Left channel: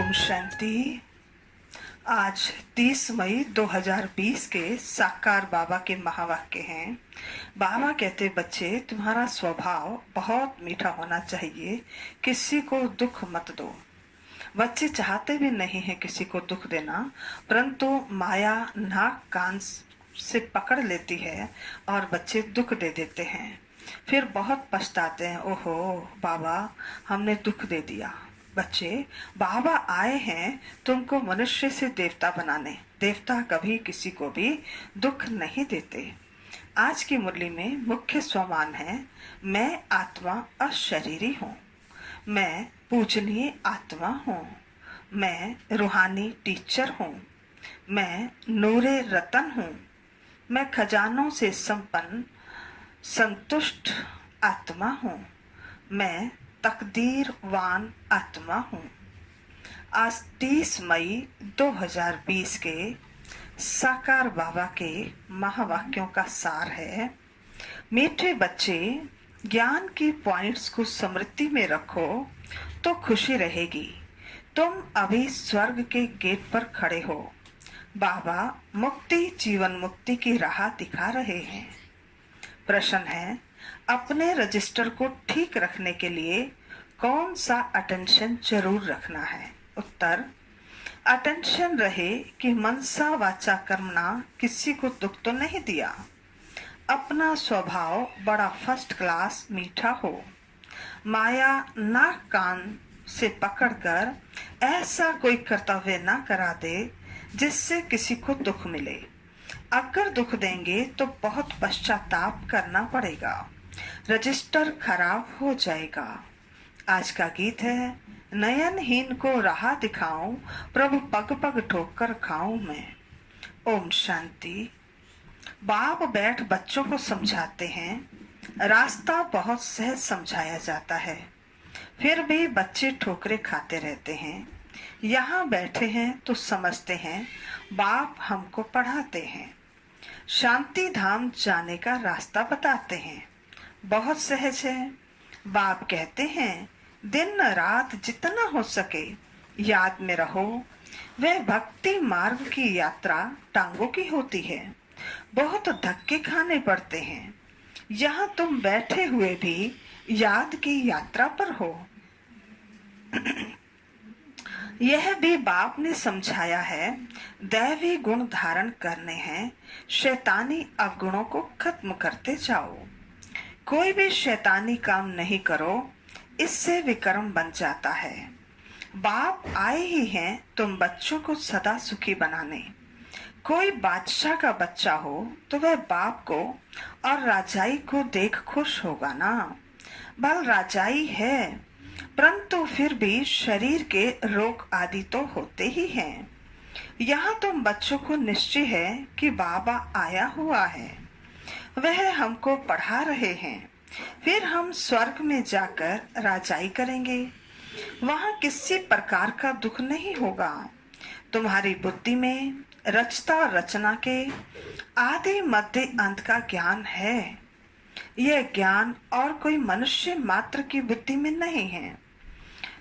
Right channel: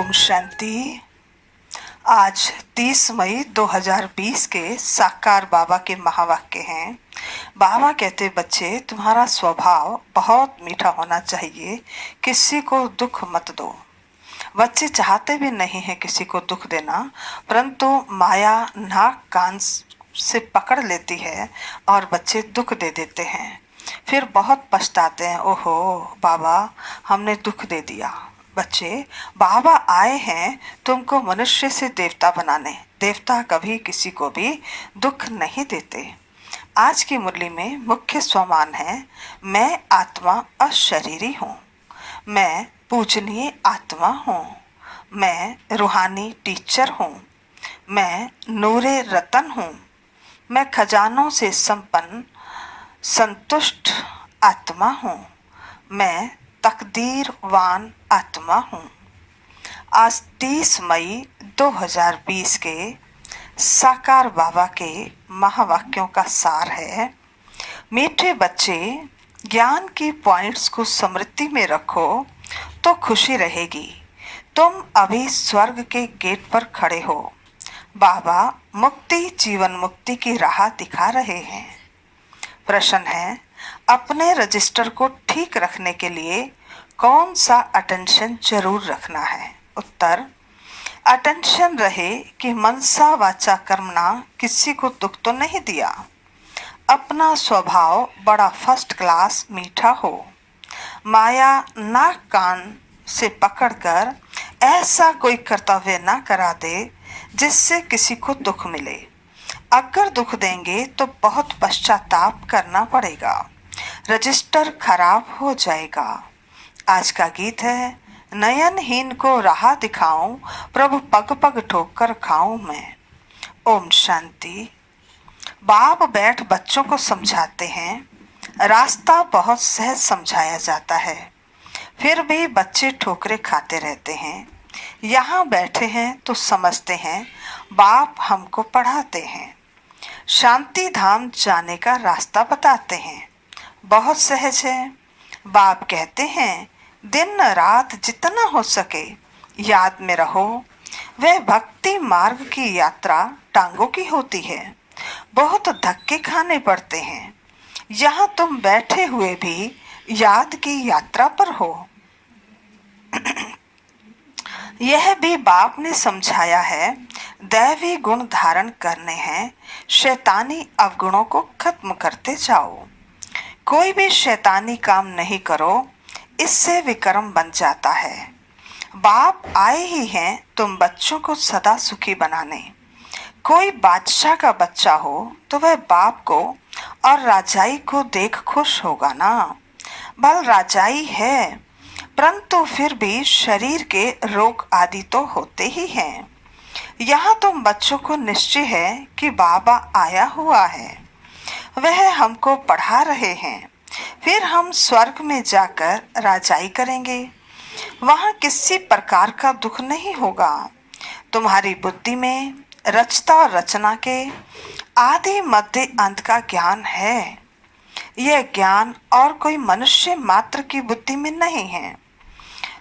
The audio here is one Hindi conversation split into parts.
ओम शांति। आज 30 मई 2020 के साकार बाबा के महावाक्य हैं। बाबा कहते, बच्चे तुम्हारा स्वभाव बहुत मीठा होना चाहिए, किसी को दुख मत दो। बच्चे चाहते भी नहीं हैं किसी को दुख देना, परंतु माया नाक कान से पकड़ लेती है और बच्चे दुख दे देते हैं। फिर बहुत पछताते हैं, ओहो बाबा हमने दुख दे दिया। बच्चे, बाबा आए हैं तुमको मनुष्य से देवता बनाने। देवता कभी किसी को भी दुख नहीं देते। आज की मुरली में मुख्य स्वमान है, मैं आत्मा अशरीरी हूँ, मैं पूजनीय आत्मा हूँ, मैं रूहानी टीचर हूँ, मैं नूरे रतन हूँ, मैं खजानों से संपन्न संतुष्ट आत्मा हूँ, मैं तकदीरवान आत्मा हूँ। आज 30 मई 2020 के साकार बाबा के महावाक्यों का सार है, मीठे बच्चे ज्ञान की पॉइंट्स को स्मृति में रखो तो खुशी रहेगी। तुम अभी स्वर्ग के गेट पर खड़े हो। बाबा मुक्ति जीवन मुक्ति की राह दिखा रहे हैं। प्रश्न है, अपने रजिस्टर को ठीक रखने के लिए कौन सा अटेंशन जरूर रखना है? उत्तर, अटेंशन रहे कि मनसा वाचा कर्मणा किसी को दुख तो नहीं दिया, अपना स्वभाव बड़ा फर्स्ट क्लास मीठा हो, माया नाक कान से पकड़कर ऐसा कोई कर्तव्य ना करा दे जिससे किसी को दुख मिले। अगर दुख देंगे तो बहुत पश्चाताप करना पड़ेगा, रजिस्टर खराब हो जाएगा। आज का गीत है, नयनहीन को राह दिखाऊं, प्रभु पग पग ठोकर खाऊं मैं। ओम शांति। बाप बैठ बच्चों को समझाते हैं। रास्ता बहुत सहज समझाया जाता है, फिर भी बच्चे ठोकरे खाते रहते हैं। यहाँ बैठे हैं तो समझते हैं, बाप हमको पढ़ाते हैं, शांति धाम जाने का रास्ता बताते हैं। बहुत सहज है। बाप कहते हैं, दिन रात जितना हो सके याद में रहो। वह भक्ति मार्ग की यात्रा टांगों की होती है, बहुत धक्के खाने पड़ते हैं। यहाँ तुम बैठे हुए भी याद की यात्रा पर हो। यह भी बाप ने समझाया है, दैवी गुण धारण करने हैं, शैतानी अवगुणों को खत्म करते जाओ। कोई भी शैतानी काम नहीं करो, इससे विक्रम बन जाता है। बाप आए ही हैं तुम बच्चों को सदा सुखी बनाने। कोई बादशाह का बच्चा हो तो वह बाप को और राजाई को देख खुश होगा ना। बल राजाई है, परंतु फिर भी शरीर के रोग आदि तो होते ही हैं। यहाँ तुम बच्चों को निश्चय है कि बाबा आया हुआ है, वह हमको पढ़ा रहे हैं। फिर हम स्वर्ग में जाकर राजाई करेंगे, वहाँ किसी प्रकार का दुख नहीं होगा। तुम्हारी बुद्धि में रचता और रचना के आदि मध्य अंत का ज्ञान है। यह ज्ञान और कोई मनुष्य मात्र की बुद्धि में नहीं है।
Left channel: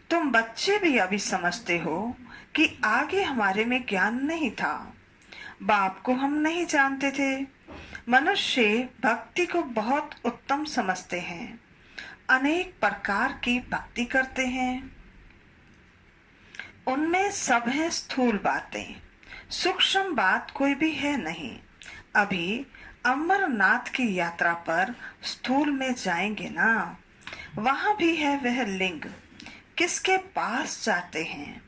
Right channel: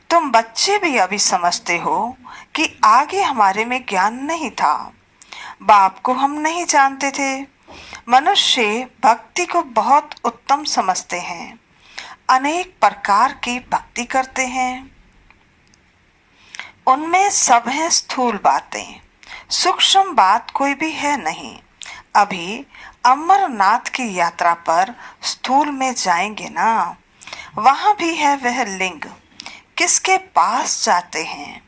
तुम बच्चे भी अभी समझते हो कि आगे हमारे में ज्ञान नहीं था, बाप को हम नहीं जानते थे। मनुष्य भक्ति को बहुत उत्तम समझते हैं, अनेक प्रकार की भक्ति करते हैं। उनमें सब है स्थूल बातें, सूक्ष्म बात कोई भी है नहीं। अभी अमरनाथ की यात्रा पर स्थूल में जाएंगे ना, वहां भी है वह लिंग। किसके पास जाते हैं?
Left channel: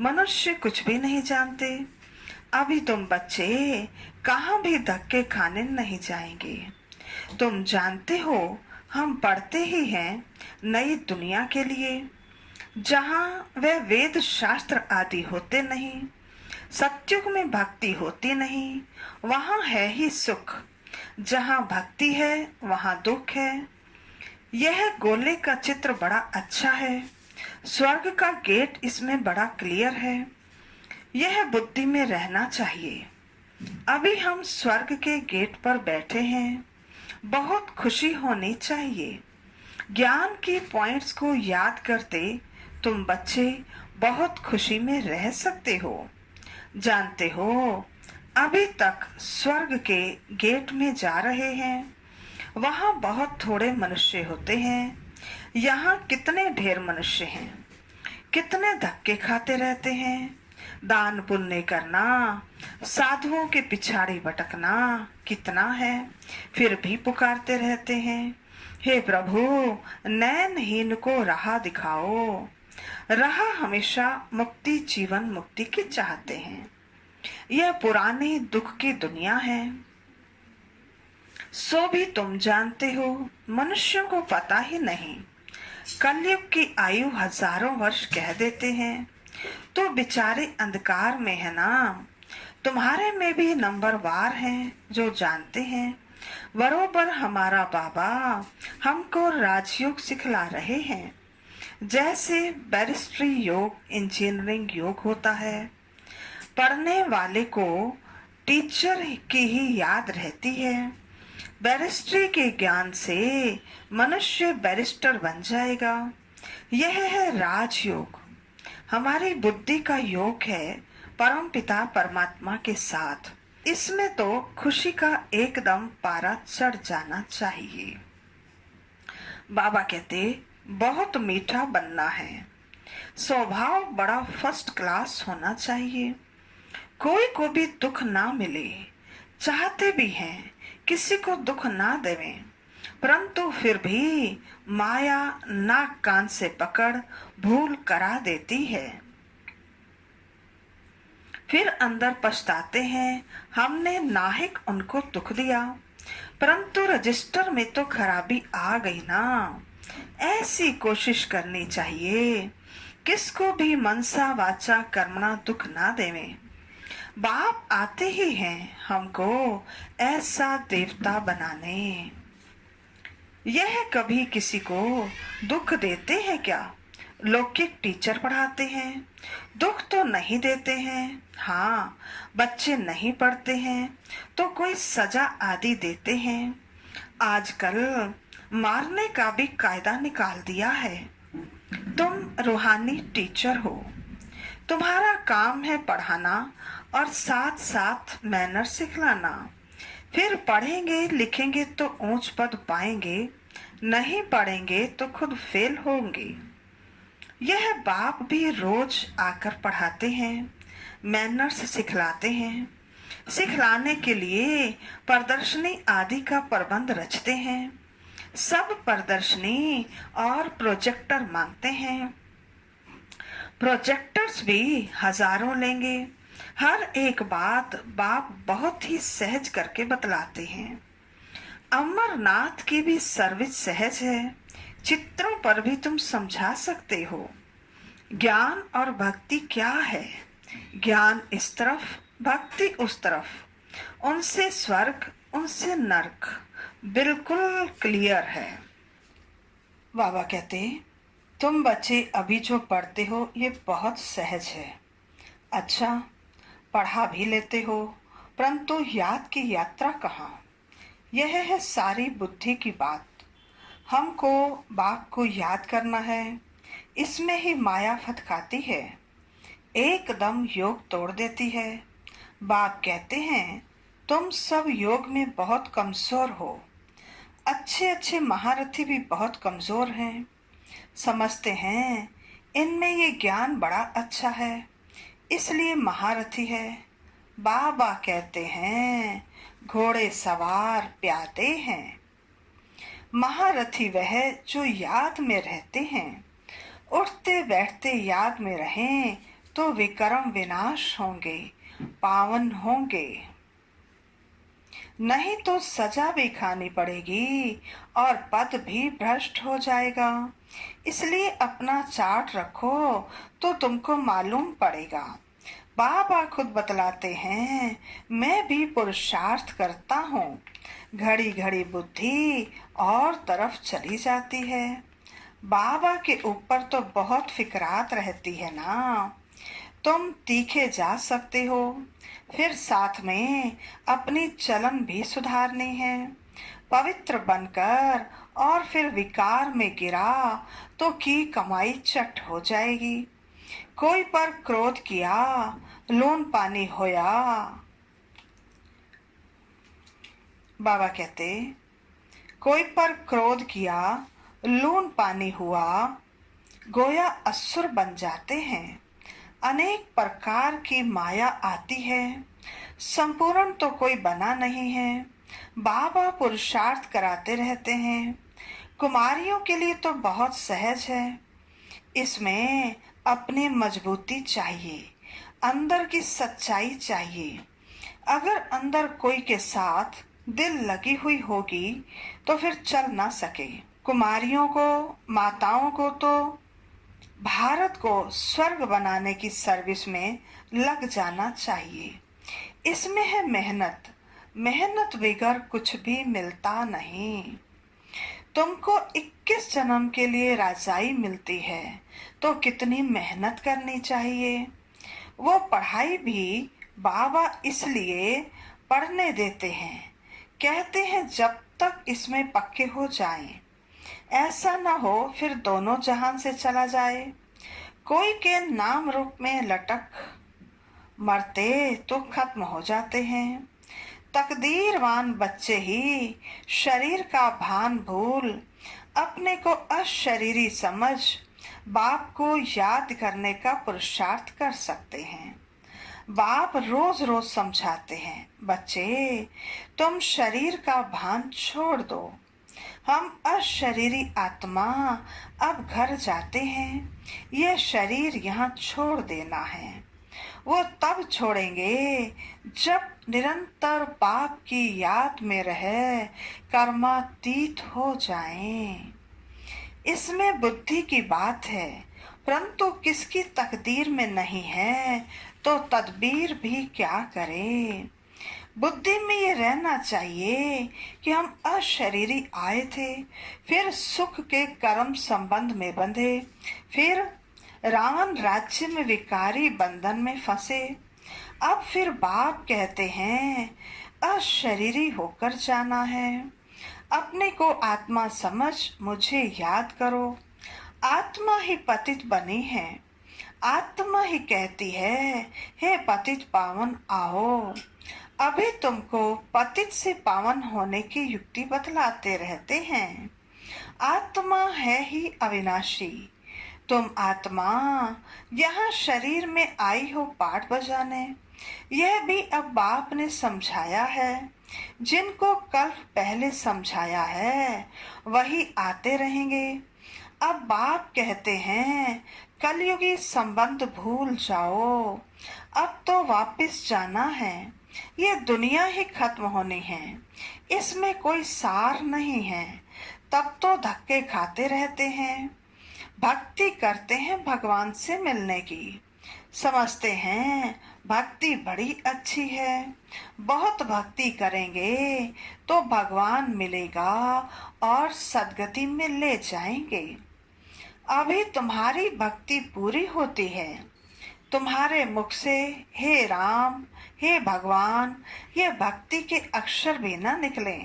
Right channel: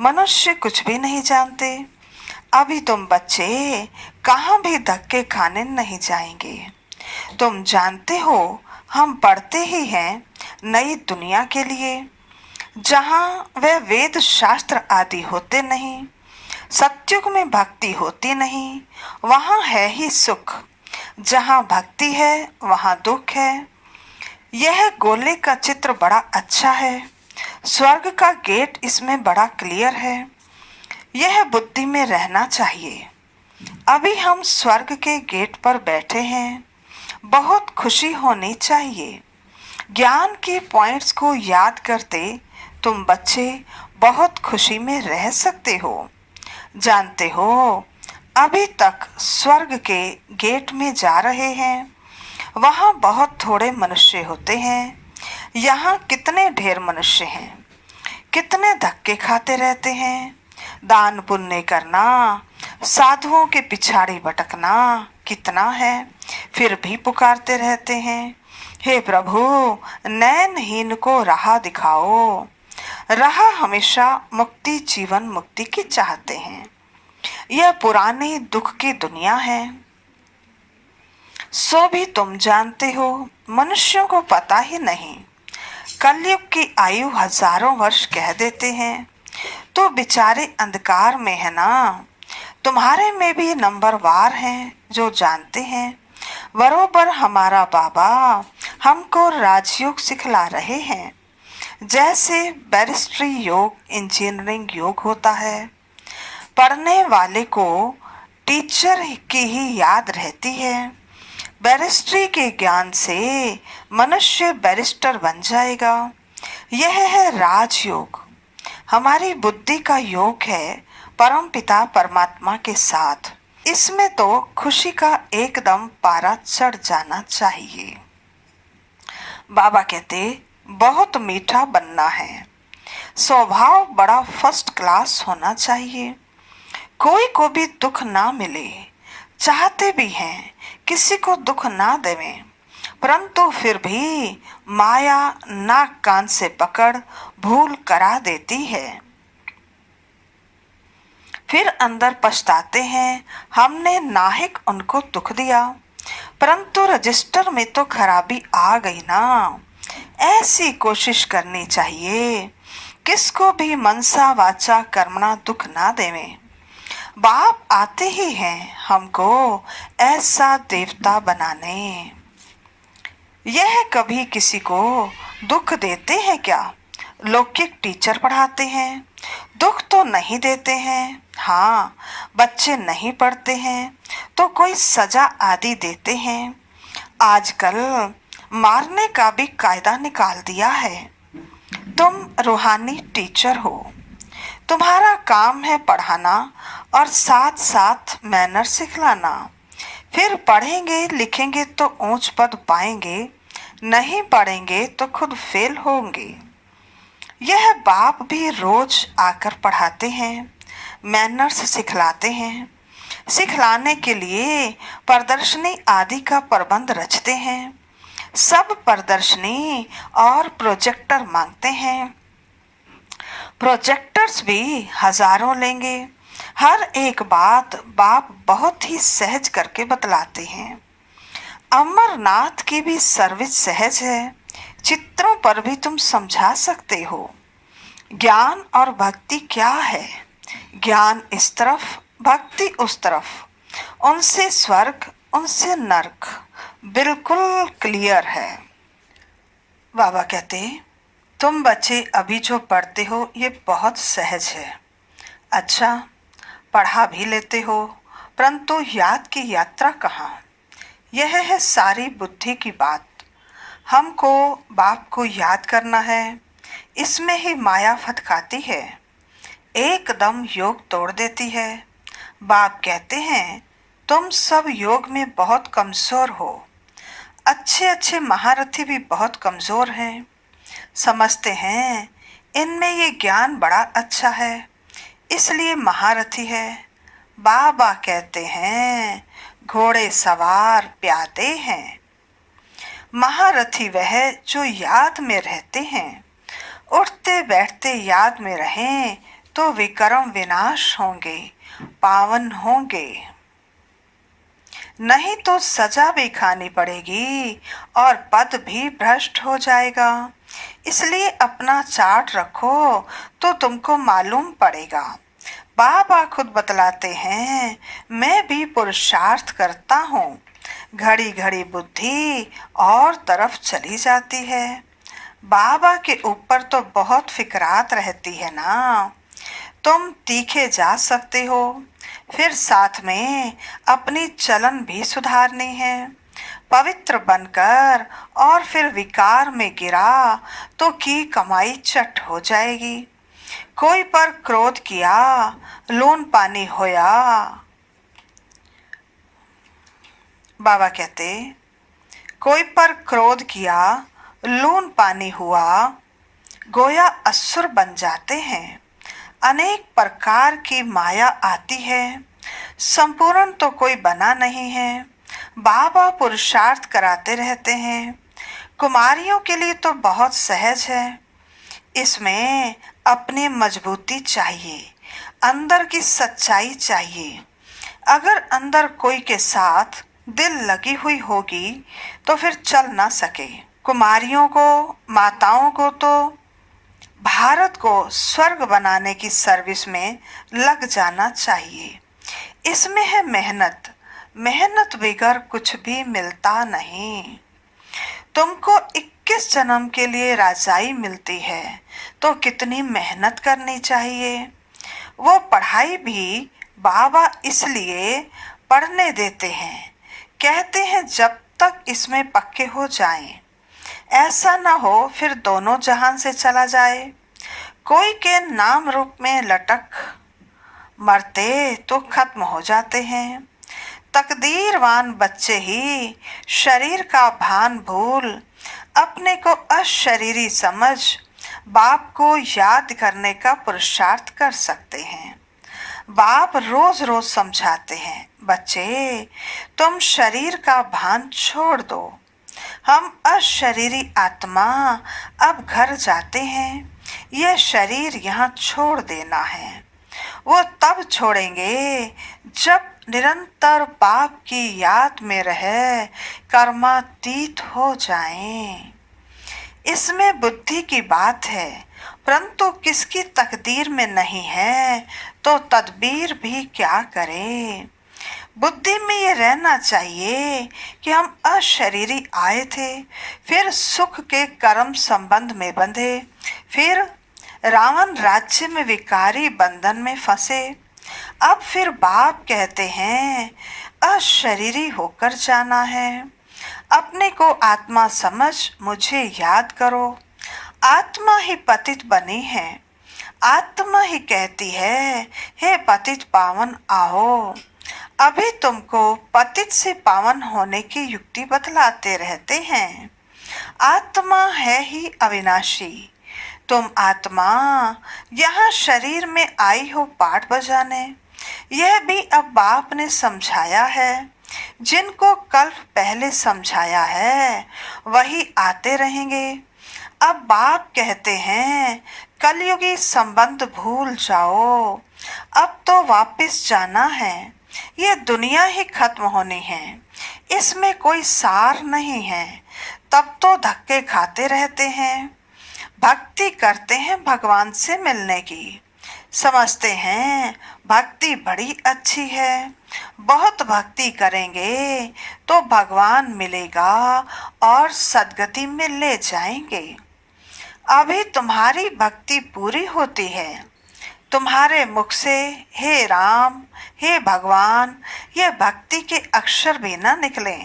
मनुष्य कुछ भी नहीं जानते। अभी तुम बच्चे कहाँ भी धक्के खाने नहीं जाएंगे। तुम जानते हो हम पढ़ते ही हैं नई दुनिया के लिए, जहाँ वह वेद शास्त्र आदि होते नहीं, सत्युग में भक्ति होती नहीं, वहाँ है ही सुख। जहाँ भक्ति है वहाँ दुख है। यह गोले का चित्र बड़ा अच्छा है, स्वर्ग का गेट इसमें बड़ा क्लियर है। यह बुद्धि में रहना चाहिए। अभी हम स्वर्ग के गेट पर बैठे हैं, बहुत खुशी होनी चाहिए। ज्ञान के पॉइंट्स को याद करते तुम बच्चे बहुत खुशी में रह सकते हो। जानते हो, अभी तक स्वर्ग के गेट में जा रहे हैं। वहाँ बहुत थोड़े मनुष्य होते हैं। यहाँ कितने ढेर मनुष्य हैं। कितने धक्के खाते रहते हैं। दान पुण्य करना, साधुओं के पिछाड़ी भटकना कितना है, फिर भी पुकारते रहते हैं, हे प्रभु नयनहीन को राह दिखाओ। राह हमेशा मुक्ति, जीवन मुक्ति की चाहते हैं। यह पुरानी दुख की दुनिया है। सो भी तुम जानते हो, मनुष्यों को पता ही नहीं। कलयुग की आयु हजारों वर्ष कह देते हैं, तो बेचारे अंधकार में है ना। तुम्हारे में भी नंबरवार हैं जो जानते हैं। बरोबर हमारा बाबा हमको राजयोग सिखला रहे हैं। जैसे बैरिस्ट्री योग, इंजीनियरिंग योग होता है। पढ़ने वाले को टीचर की ही याद रहती है। बैरिस्ट्री के ज्ञान से मनुष्य बैरिस्टर बन जाएगा। यह है राजयोग। हमारी बुद्धि का योग है परम पिता परमात्मा के साथ। इसमें तो खुशी का एकदम पारा चढ़ जाना चाहिए। बाबा कहते बहुत मीठा बनना है। स्वभाव बड़ा फर्स्ट क्लास होना चाहिए। कोई को भी दुख ना मिले। चाहते भी हैं किसी को दुख ना देवें, परंतु फिर भी माया नाक कान से पकड़ भूल करा देती है। फिर अंदर पछताते हैं, हमने नाहिक उनको दुख दिया, परंतु रजिस्टर में तो खराबी आ गई ना। ऐसी कोशिश करनी चाहिए किसको भी मनसा वाचा कर्मणा दुख ना देवें। बाप आते ही हैं हमको ऐसा देवता बनाने। यह कभी किसी को दुख देते हैं क्या? लौकिक टीचर पढ़ाते हैं, दुख तो नहीं देते हैं। हाँ, बच्चे नहीं पढ़ते हैं तो कोई सजा आदि देते हैं। आजकल मारने का भी कायदा निकाल दिया है। तुम रूहानी टीचर हो, तुम्हारा काम है पढ़ाना और साथ साथ मैनर सिखलाना। फिर पढ़ेंगे लिखेंगे तो ऊंच पद पाएंगे, नहीं पढ़ेंगे तो खुद फेल होंगे। यह बाप भी रोज आकर पढ़ाते हैं, मैनर्स सिखलाते हैं। सिखलाने के लिए प्रदर्शनी आदि का प्रबंध रचते हैं। सब प्रदर्शनी और प्रोजेक्टर मांगते हैं। प्रोजेक्टर्स भी हजारों लेंगे। हर एक बात बाप बहुत ही सहज करके बतलाते हैं। अमरनाथ की भी सर्विस सहज है। चित्रों पर भी तुम समझा सकते हो। ज्ञान और भक्ति क्या है? ज्ञान इस तरफ, भक्ति उस तरफ। उनसे स्वर्ग, उनसे नरक बिल्कुल क्लियर है। बाबा कहते, तुम बच्चे अभी जो पढ़ते हो ये बहुत सहज है। अच्छा, पढ़ा भी लेते हो, परंतु याद की यात्रा कहाँ? यह है सारी बुद्धि की बात। हमको बाप को याद करना है, इसमें ही माया फटकाती है, एकदम योग तोड़ देती है। बाप कहते हैं तुम सब योग में बहुत कमज़ोर हो। अच्छे अच्छे महारथी भी बहुत कमज़ोर हैं। समझते हैं इनमें ये ज्ञान बड़ा अच्छा है, इसलिए महारथी है। बाबा कहते हैं घोड़े सवार प्यादे हैं। महारथी वह जो याद में रहते हैं। उठते बैठते याद में रहें तो विक्रम विनाश होंगे, पावन होंगे। नहीं तो सजा भी खानी पड़ेगी और पद भी भ्रष्ट हो जाएगा। इसलिए अपना चार्ट रखो तो तुमको मालूम पड़ेगा। बाबा खुद बतलाते हैं मैं भी पुरुषार्थ करता हूँ, घड़ी घड़ी बुद्धि और तरफ चली जाती है। बाबा के ऊपर तो बहुत फिक्रात रहती है ना। तुम तीखे जा सकते हो, फिर साथ में अपनी चलन भी सुधारनी है। पवित्र बनकर और फिर विकार में गिरा तो की कमाई चट हो जाएगी। कोई पर क्रोध किया, लून पानी होया। बाबा कहते, कोई पर क्रोध किया, लून पानी हुआ, गोया असुर बन जाते हैं। अनेक प्रकार की माया आती है, संपूर्ण तो कोई बना नहीं है। बाबा पुरुषार्थ कराते रहते हैं। कुमारियों के लिए तो बहुत सहज है। इसमें अपनी मजबूती चाहिए, अंदर की सच्चाई चाहिए। अगर अंदर कोई के साथ दिल लगी हुई होगी तो फिर चल ना सके। कुमारियों को, माताओं को तो भारत को स्वर्ग बनाने की सर्विस में लग जाना चाहिए। इसमें है मेहनत। मेहनत बगैर कुछ भी मिलता नहीं। तुमको 21 जन्म के लिए राजाई मिलती है तो कितनी मेहनत करनी चाहिए। वो पढ़ाई भी बाबा इसलिए पढ़ने देते हैं, कहते हैं जब तक इसमें पक्के हो जाएं। ऐसा ना हो फिर दोनों जहान से चला जाए। कोई के नाम रूप में लटक मरते तो खत्म हो जाते हैं। तकदीरवान बच्चे ही शरीर का भान भूल अपने को अशरीरी समझ बाप को याद करने का पुरुषार्थ कर सकते हैं। बाप रोज रोज समझाते हैं, बच्चे तुम शरीर का भान छोड़ दो। हम अशरीरी आत्मा अब घर जाते हैं। यह शरीर यहाँ छोड़ देना है। वो तब छोड़ेंगे जब निरंतर बाप की याद में रहे कर्मातीत हो जाएं। इसमें बुद्धि की बात है, परंतु किसकी तकदीर में नहीं है तो तदबीर भी क्या करें। बुद्धि में ये रहना चाहिए कि हम अशरीरी आए थे, फिर सुख के कर्म संबंध में बंधे, फिर रावण राज्य में विकारी बंधन में फंसे। अब फिर बाप कहते हैं अशरीरी होकर जाना है। अपने को आत्मा समझ मुझे याद करो। आत्मा ही पतित बनी है। आत्मा ही कहती है, हे पतित पावन आओ। अभी तुमको पतित से पावन होने की युक्ति बतलाते रहते हैं। आत्मा है ही अविनाशी। तुम आत्मा यहाँ शरीर में आई हो पाठ बजाने। यह भी अब बाप ने समझाया है। जिनको कल पहले समझाया है वही आते रहेंगे। अब बाप कहते हैं कलयुगी संबंध भूल जाओ, अब तो वापस जाना है। ये दुनिया ही खत्म होनी है, इसमें कोई सार नहीं है। तब तो धक्के खाते रहते हैं। भक्ति करते हैं भगवान से मिलने की, समझते हैं भक्ति बड़ी अच्छी है। बहुत भक्ति करेंगे तो भगवान मिलेगा और सदगति में ले जाएंगे। अभी तुम्हारी भक्ति पूरी होती है। तुम्हारे मुख से हे राम, हे भगवान, ये भक्ति के अक्षर भी ना निकले।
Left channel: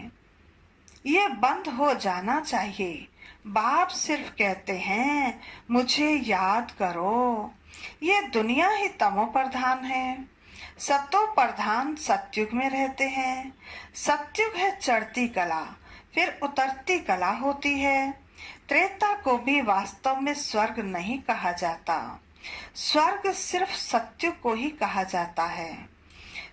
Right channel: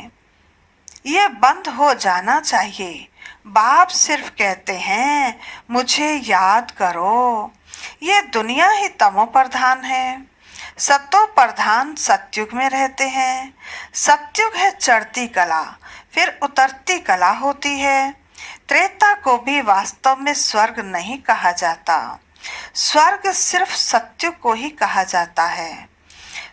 ये बंद हो जाना चाहिए। बाप सिर्फ कहते हैं मुझे याद करो। ये दुनिया ही तमो प्रधान है। सतो प्रधान सतयुग में रहते हैं। सतयुग है चढ़ती कला, फिर उतरती कला होती है। त्रेता को भी वास्तव में स्वर्ग नहीं कहा जाता। स्वर्ग सिर्फ सतयुग को ही कहा जाता है।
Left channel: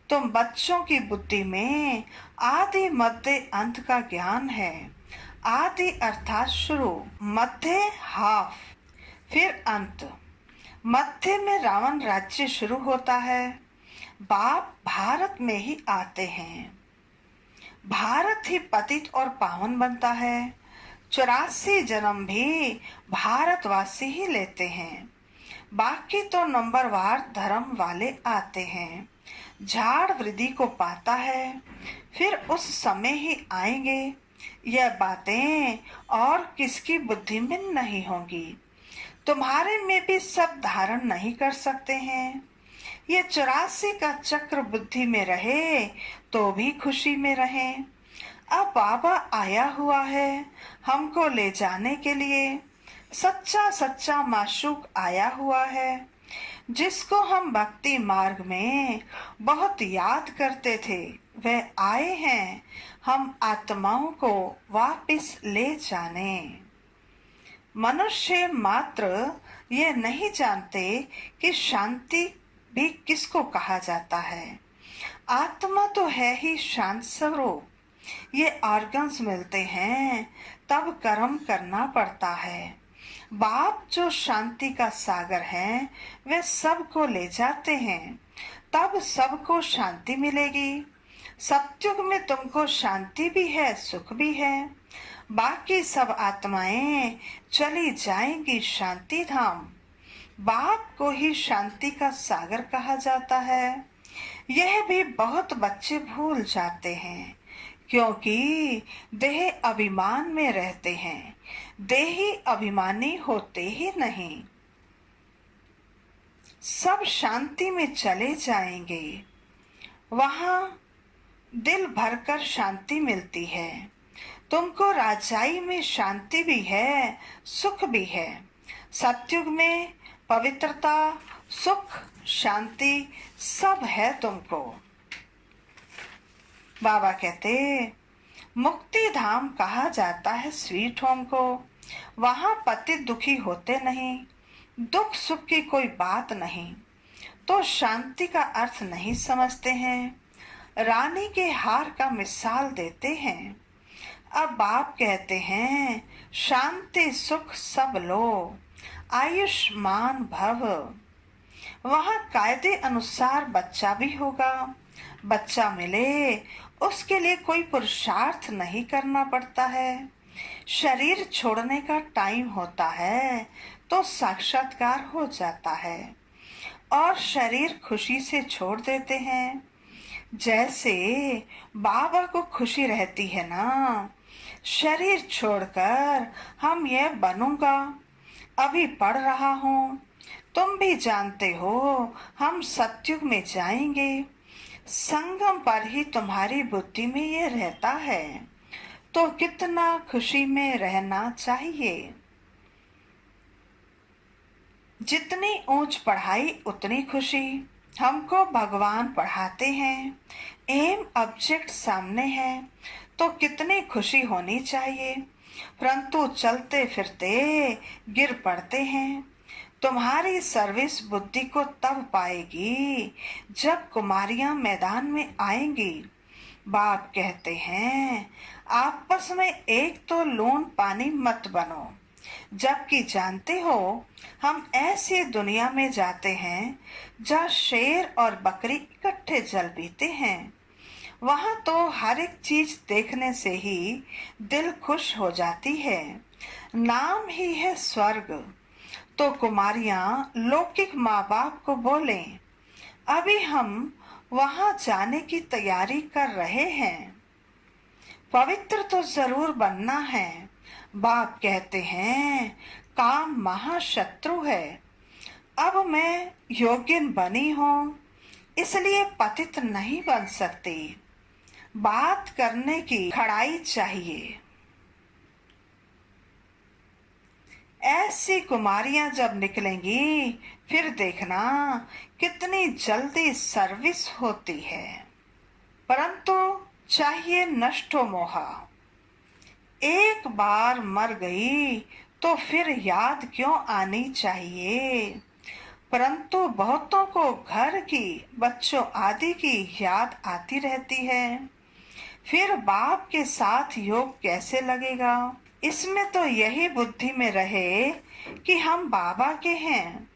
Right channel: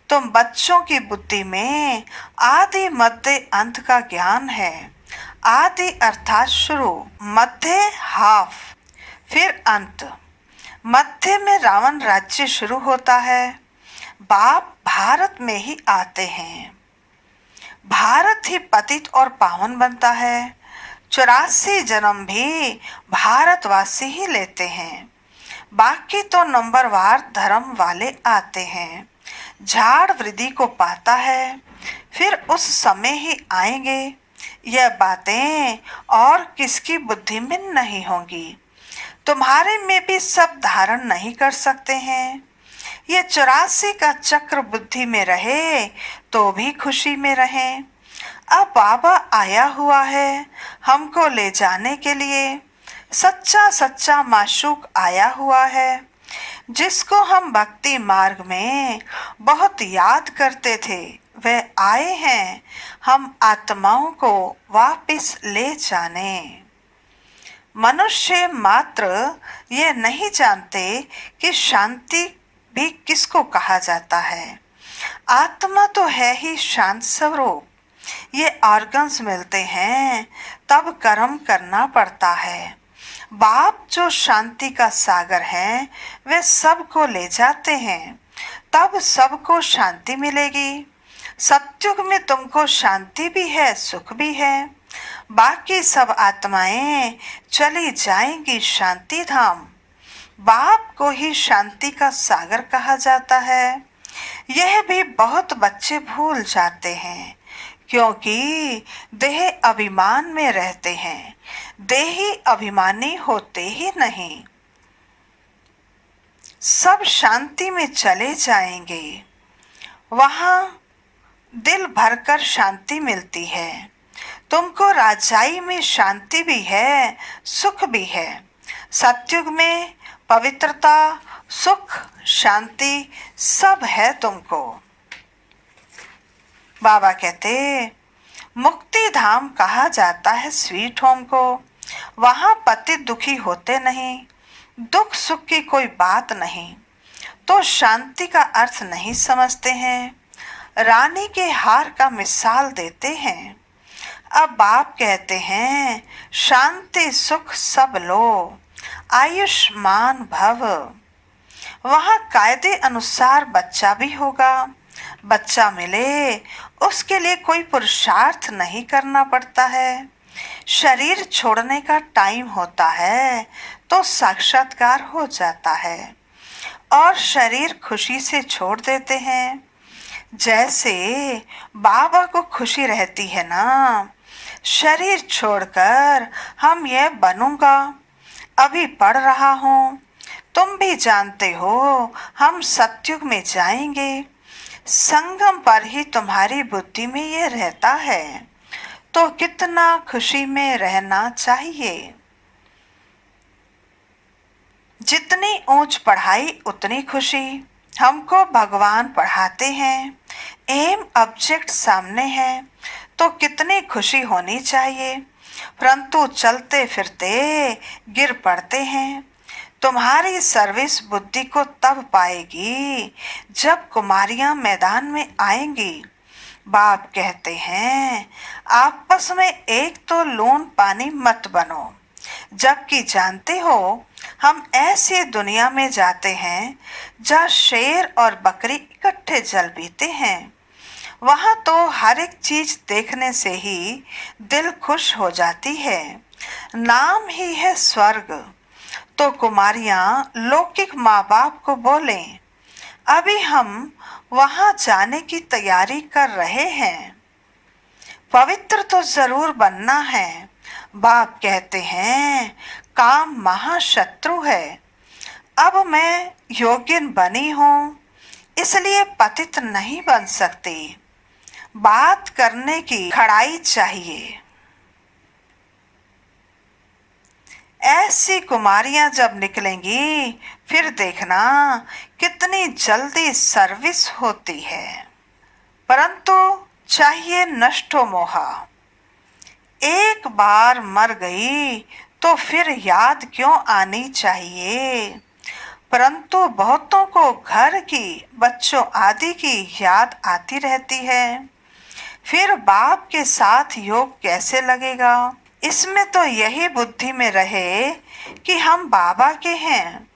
तुम बच्चों की बुद्धि में आदि मध्य अंत का ज्ञान है। आदि अर्थात शुरू, मध्य हाफ, फिर अंत। मध्य में रावण राज्य शुरू होता है। बाप भारत में ही आते हैं। भारत ही पतित और पावन बनता है। 84 जन्म भी भारतवासी ही लेते हैं। बाकी तो नंबरवार धर्म वाले आते हैं। झाड़ वृद्धि को पाता है, फिर उस समय ही आएंगे। यह बातें और किसकी बुद्धि में नहीं होंगी। तुम्हारे में भी सब धारण नहीं कर सकते हैं। ये 84 का चक्र बुद्धि में रहे तो भी खुशी में रहें। अब बाबा आया हुआ है हमको ले जाने के लिए। सच्चा सच्चा माशूक आया हुआ है, जिसको हम भक्ति मार्ग में बहुत याद करते थे। वे आए हैं हम आत्माओं को वापस ले जाने। मनुष्य मात्र ये नहीं जानते कि शांति भी किसको कहा जाता है। आत्मा तो है ही शांत स्वरूप। ये ऑर्गन्स मिलते हैं तब कर्म करना पड़ता है। बाप जो शांति का सागर है वे सबको ले जाते हैं, तब सबको शांति मिलेगी। सत्युग में तुमको शांति भी है, सुख भी है। बाकी सब आत्माएं चली जाएंगी शांति धाम। बाप को ही शांति का सागर कहा जाता है। यह भी बहुत बच्चे भूल जाते हैं, क्योंकि देह अभिमान में रहते हैं। देही अभिमानी होते ही नहीं। सब शांति में चले जाएंगे। वहां दिल भरकर शांति मिलती है। तुमको राजाई में शांति भी है, सुख भी है। सत्युग में पवित्रता, सुख, शांति सब है तुमको। बाबा कहते मुक्ति धाम कहा जाता है स्वीट होम को। वहां पति दुखी होते नहीं, दुख सुख की कोई बात नहीं, तो शांति का अर्थ नहीं समझते हैं। रानी के हार का मिसाल देते हैं। अब बाप कहते हैं शांति सुख सब लो, आयुष्मान भव। वहां कायदे अनुसार बच्चा भी होगा। बच्चा मिले उसके लिए कोई पुरुषार्थ नहीं करना पड़ता है। शरीर छोड़ने का टाइम होता है तो साक्षात्कार हो जाता है और शरीर खुशी से छोड़ देते हैं। जैसे बाबा को खुशी रहती है ना, शरीर छोड़कर हम यह बनूंगा, अभी पढ़ रहा हूँ, तुम भी जानते हो हम सत्युग में जाएंगे। संगम पर ही तुम्हारी बुद्धि में ये रहता है, तो कितना खुशी में रहना चाहिए। जितनी ऊंच पढ़ाई उतनी खुशी। हमको भगवान पढ़ाते हैं, एम ऑब्जेक्ट सामने है, तो कितनी खुशी होनी चाहिए। परंतु चलते फिरते गिर पड़ते हैं। तुम्हारी सर्विस बुद्धि को तब पाएगी जब कुमारियां मैदान में आएंगी। बाप कहते हैं आपस में एक तो लून पानी मत बनो, जबकि जानते हो हम ऐसी दुनिया में जाते हैं जहाँ शेर और बकरी इकट्ठे जल पीते हैं। वहां तो हर एक चीज देखने से ही दिल खुश हो जाती है। नाम ही है स्वर्ग। तो कुमारियां लौकिक माँ बाप को बोले अभी हम वहां जाने की तैयारी कर रहे हैं, पवित्र तो जरूर बनना है। बाप कहते हैं काम महाशत्रु है। अब मैं योग्यन बनी हूँ, इसलिए पतित नहीं बन सकती। बात करने की खड़ाई चाहिए। ऐसी कुमारियां जब निकलेंगी फिर देखना कितनी जल्दी सर्विस होती है। परंतु चाहिए नष्टो मोहा। एक बार मर गई तो फिर याद क्यों आनी चाहिए। परंतु बहुतों को घर की, बच्चों आदि की याद आती रहती है। फिर बाप के साथ योग कैसे लगेगा। इसमें तो यही बुद्धि में रहे कि हम बाबा के हैं।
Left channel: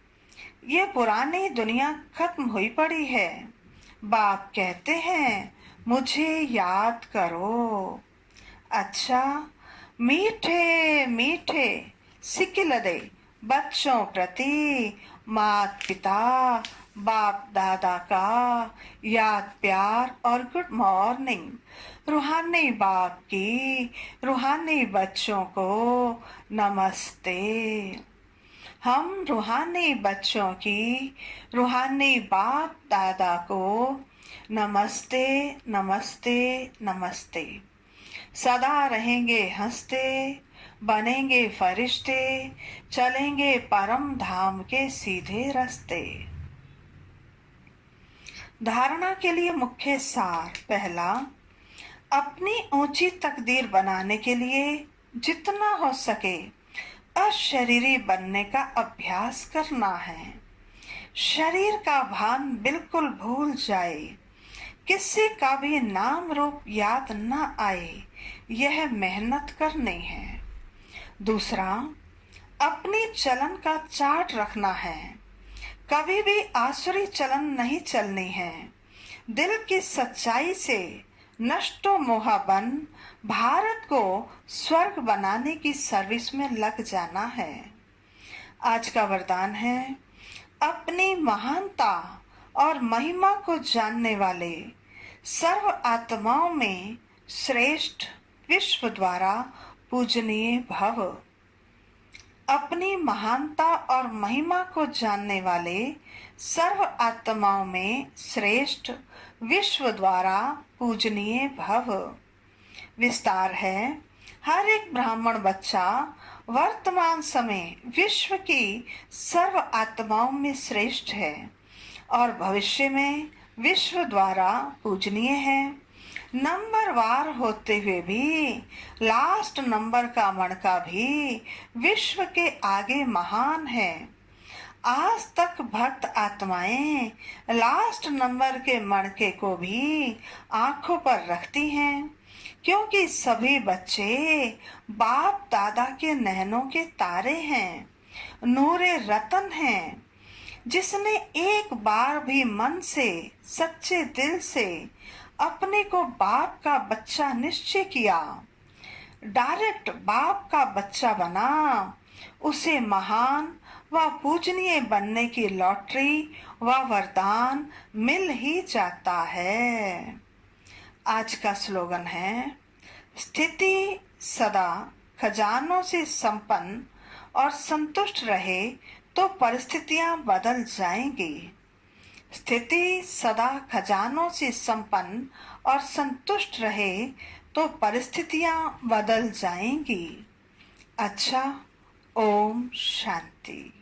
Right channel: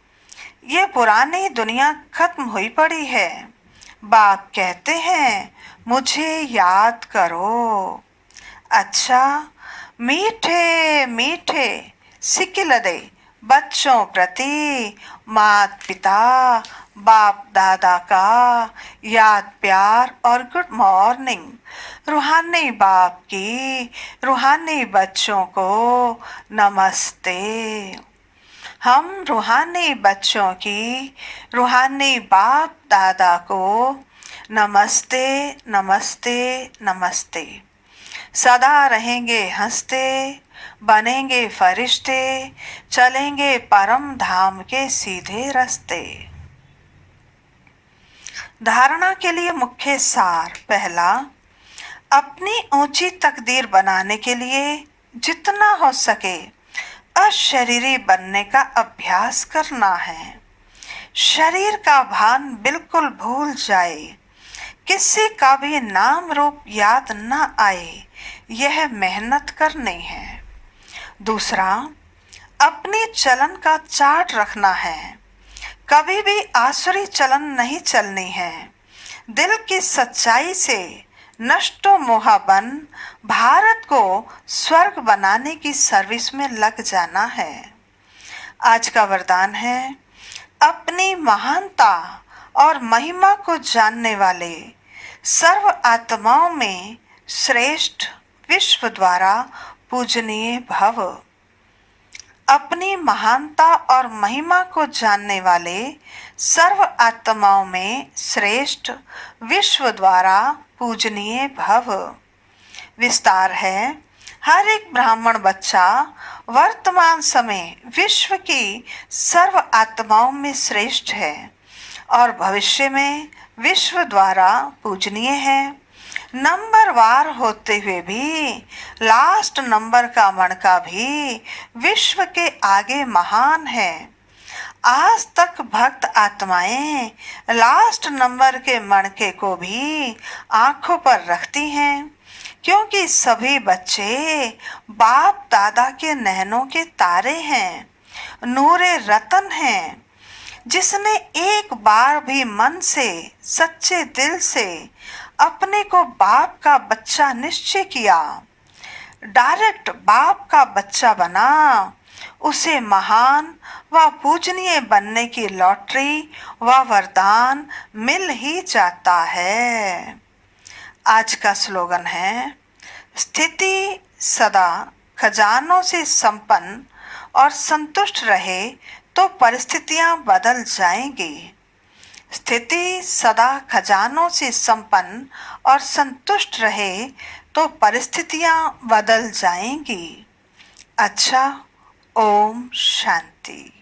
ये पुरानी दुनिया खत्म हुई पड़ी है। बाप कहते हैं मुझे याद करो। अच्छा, मीठे मीठे सिकिलदे बच्चों प्रति माता पिता बाप दादा का याद प्यार और गुड मॉर्निंग। रूहानी बाप की रूहानी बच्चों को नमस्ते। हम रूहानी बच्चों की रूहानी बाप दादा को नमस्ते नमस्ते नमस्ते। सदा रहेंगे हंसते, बनेंगे फरिश्ते, चलेंगे परम धाम के सीधे रास्ते। धारणा के लिए मुख्य सार। पहला, अपनी ऊंची तकदीर बनाने के लिए जितना हो सके अशरीरी बनने का अभ्यास करना है। शरीर का भान बिल्कुल भूल जाए, किसी का भी नाम रूप याद न आए, यह मेहनत करनी है। दूसरा, अपनी चलन का चार्ट रखना है, कभी भी आसुरी चलन नहीं चलनी है। दिल की सच्चाई से नष्टो मोहा बन भारत को स्वर्ग बनाने की सर्विस में लग जाना है। आज का वरदान है, अपनी महानता और महिमा को जानने वाले सर्व आत्माओं में श्रेष्ठ विश्व द्वारा पूजनीय भव। अपनी महानता और महिमा को जानने वाले सर्व आत्माओं में श्रेष्ठ विश्व द्वारा पूजनीय भव। विस्तार है, हर एक ब्राह्मण बच्चा वर्तमान समय विश्व की सर्व आत्माओं में श्रेष्ठ है और भविष्य में विश्व द्वारा पूजनीय है। नंबर वार होते हुए भी लास्ट नंबर का मणका भी विश्व के आगे महान है। आज तक भक्त आत्माएं लास्ट नंबर के मणके को भी आंखों पर रखती हैं, क्योंकि सभी बच्चे बाप दादा के नैनों के तारे हैं, नूरे रतन हैं। जिसने एक बार भी मन से सच्चे दिल से अपने को बाप का बच्चा निश्चय किया, डायरेक्ट बाप का बच्चा बना, उसे महान व पूजनीय बनने की लॉटरी व वरदान मिल ही जाता है। आज का स्लोगन है, स्थिति सदा खजानों से संपन्न और संतुष्ट रहे तो परिस्थितियां बदल जाएंगी। स्थिति सदा खजानों से संपन्न और संतुष्ट रहे तो परिस्थितियां बदल जाएंगी। अच्छा, ओम शांति।